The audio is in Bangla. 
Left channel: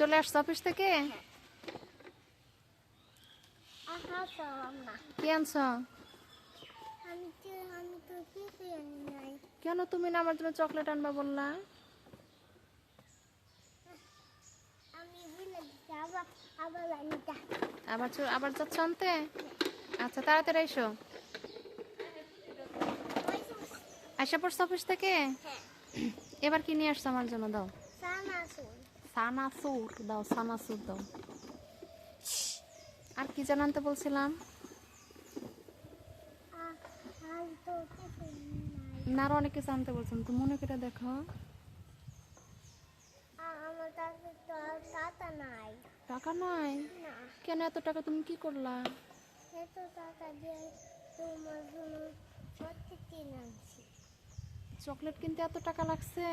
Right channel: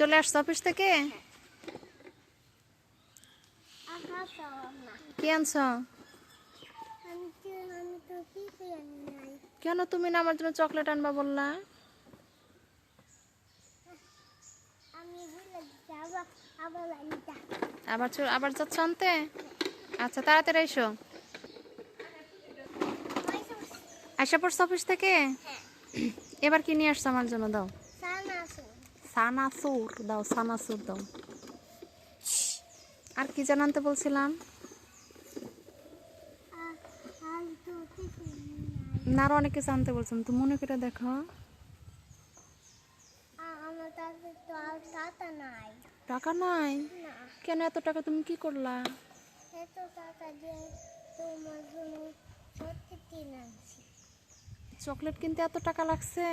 চলে আসছো অফিস থেকে? কি আনছো? কেন তুমি না আমার জন্য চকলেট আনবা বললা? আবার যাচ্ছ আনতে? আচ্ছা তাড়াতাড়ি এসো। আশা পড়ছো অফিস থেকে? এবার কি নিয়ে আসছো আমার জন্য? দাও সানাসুর, দাও সানাসুর দাও। আর কি যেন আনতে বলছিলাম? না আরো অনেক কিছু আনতে বলছিলাম, তুমি মনে করে দেখো। টাকা নাই? কেন এত টাকা তুমি কি করলা? চকলেট কিনতে এত টাকা লাগছে?